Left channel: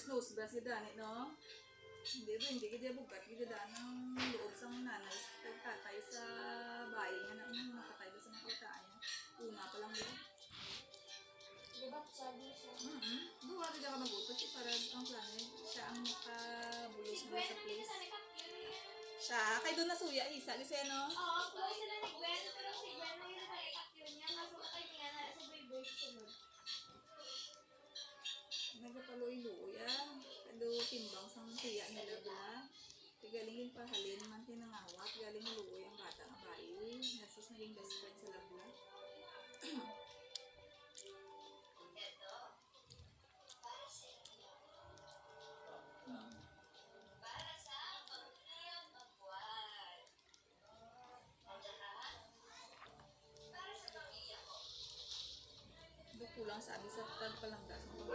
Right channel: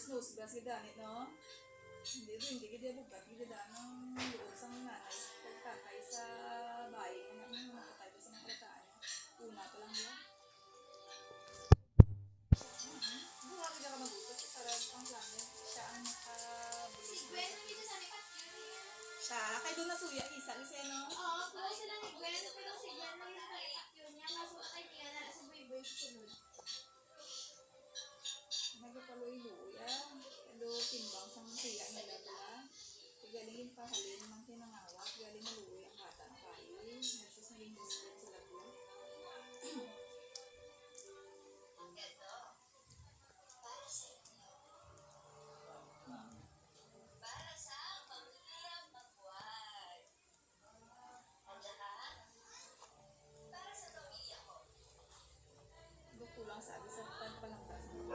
Mother's nose, bas gidani, no? Hindi kita bukat, gida ng loob sa nanay, sa tatay sa bahay nga na nakatay sa mga kataan niya. Una pa lang yun. Buwa kita ka magutot, para ang plan niya, siya ang makabulos mo sa place. Siya, kay doon nasuya, isa, kasi no? Oo, kung sila ni Gwen, pero si Jan mo yung naitakyo niya, kaso atay niya na sa boy-boy susunod. Nagkapaloy-luya. Kado timbang sa siya nila ba? Galing yung pahalin man tinangawat. Galing maluoy ang bata ng bayi. Nasus naging best friend sa lagwa. Para sa pamilya magbuhat. Andiyan ka? Para sa pamilya ko. Kulang sabi sa pagpalanggas ng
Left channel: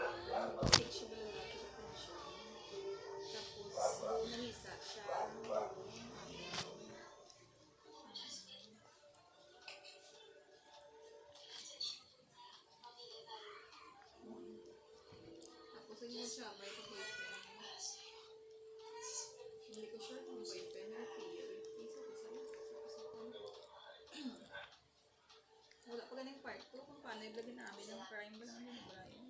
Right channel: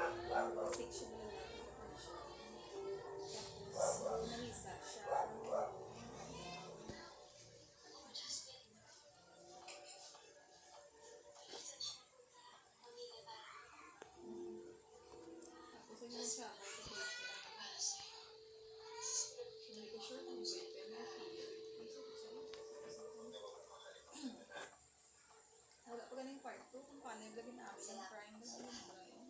stick siya ba lalaki sa tension. Tapos nangisa siya. Tapos yun siya may boyfriend. Hindi ko sure kung boyfriend na peer. Wala pa ganing part 2 kung paano yung lagin namin yung crime ba namin yung Brian.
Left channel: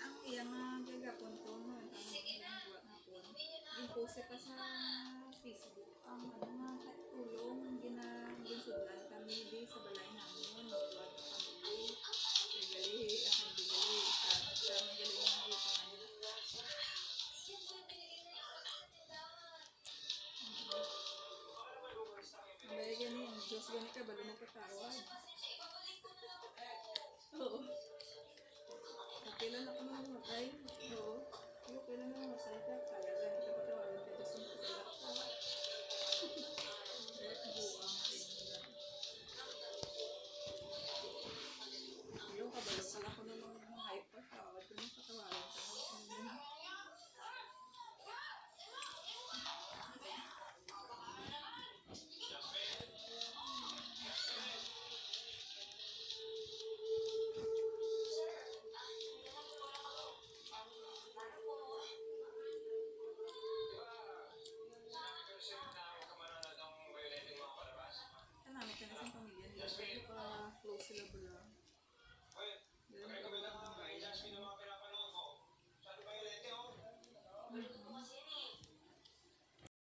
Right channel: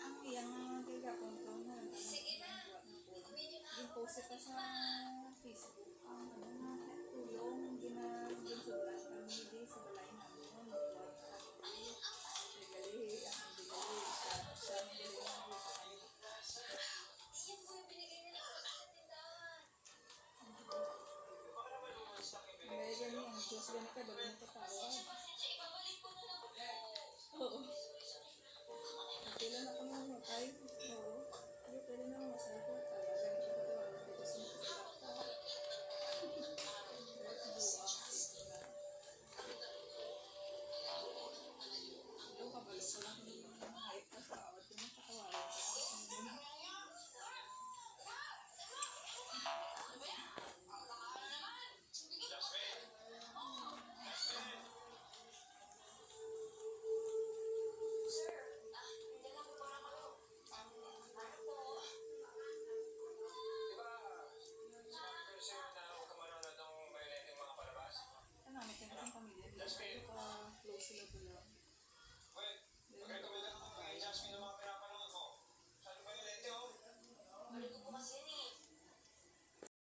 Ang iyang gagapon ko nga ang nagawa na po. Yung post ka sa Facebook. Ang tulong ginsundan kami di sa balay namin. Magbuwag kami. Nagali, ang bigali. Sa nagali yung buka kanina. Yan po yung binigay nila sa tindahan. Kaya gani, ang Diyos gani ka bago mo patawad. Ibabalik ko na lang po. Oo. Kailan na kami namatay?